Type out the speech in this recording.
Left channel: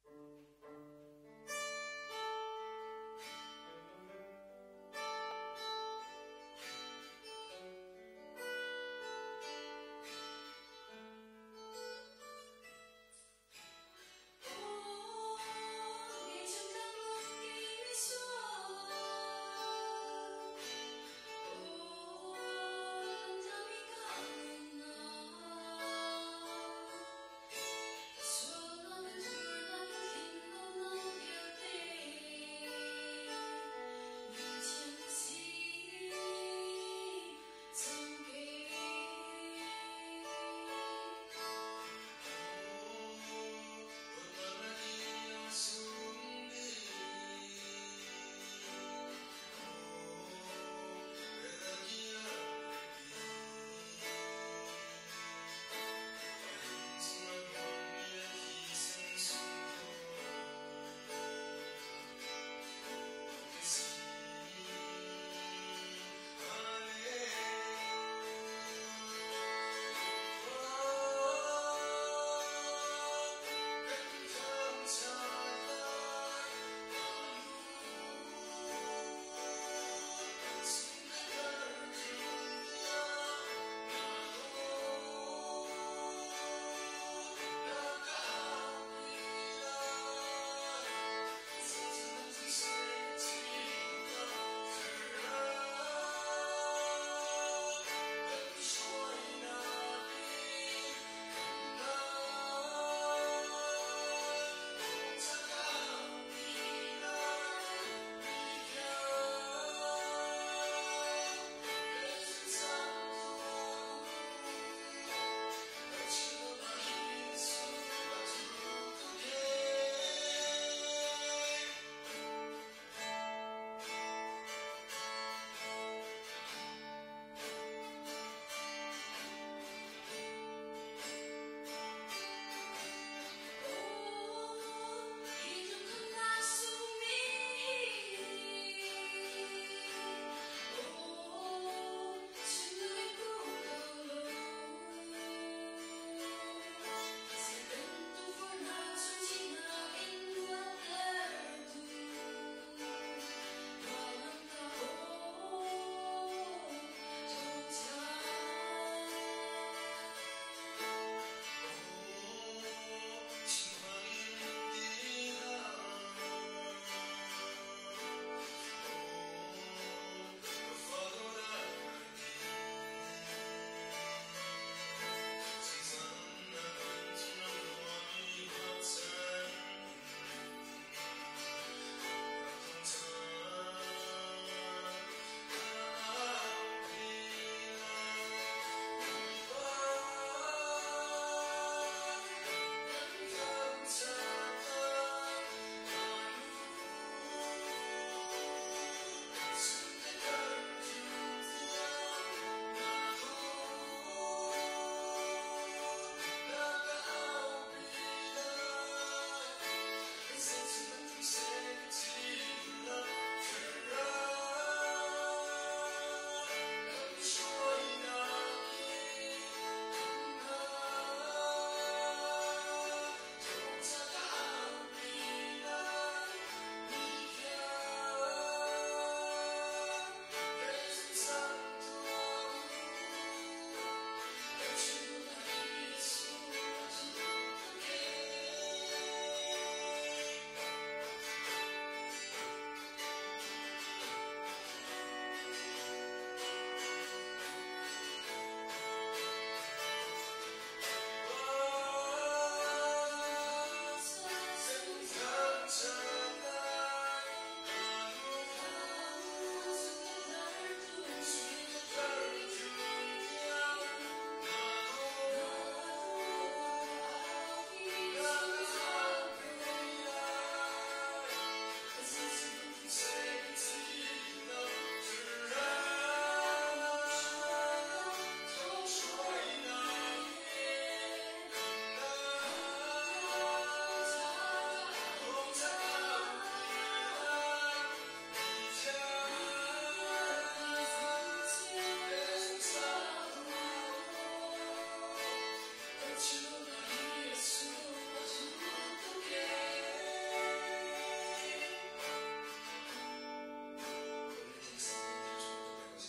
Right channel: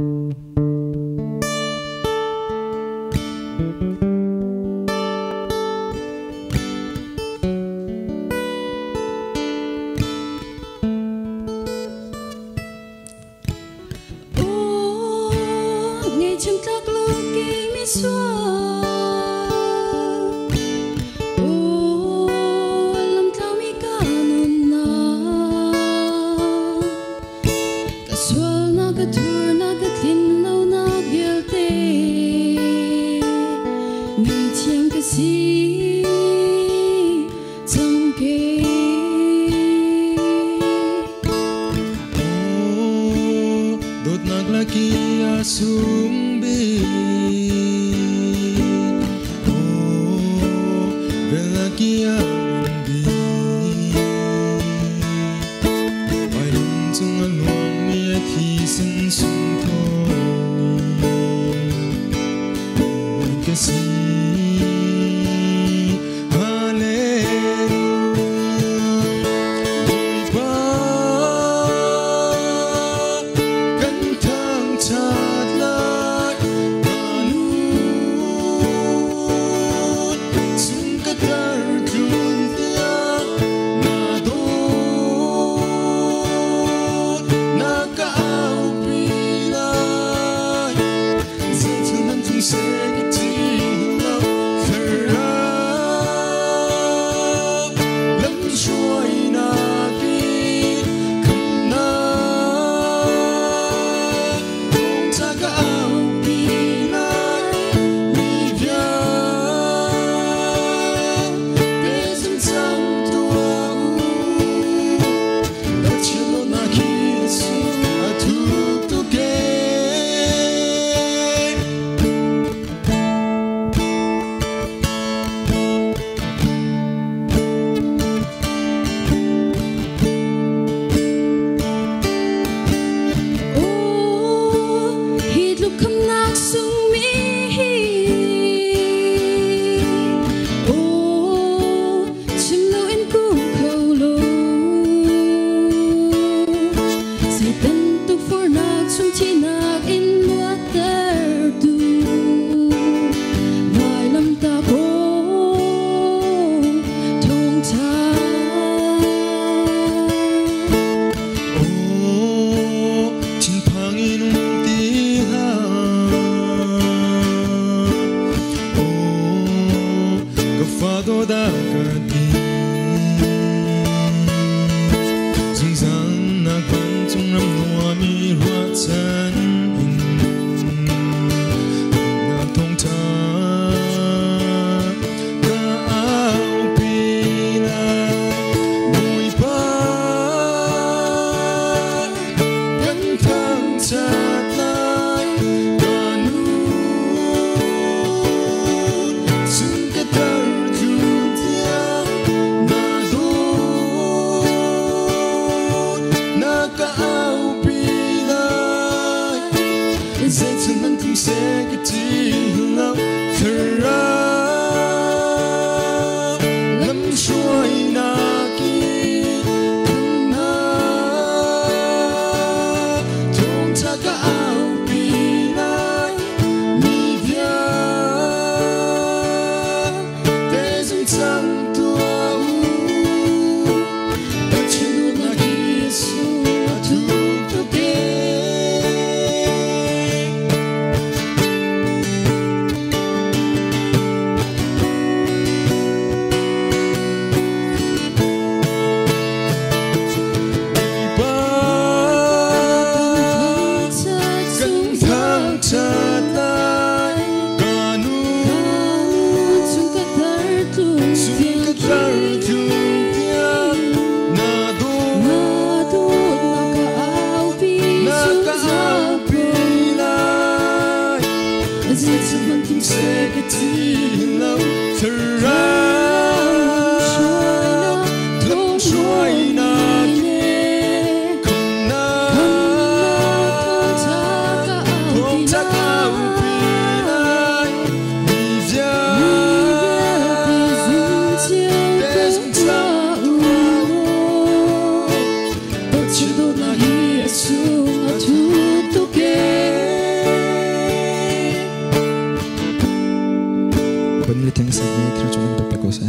ngày trong các lúc kinh mi xóa làm thao mi cả nôn na cả xóa na cả thua na cả tin nâu na biel te ngày chiang cả si trong kê đột naglaki asung bin velaki ambi ai lung chung along ni thi sin sung thong ke si Chỉ đôi là Giêsu, tu tu ke. Kun li thing sa ni thra chuman pe ko se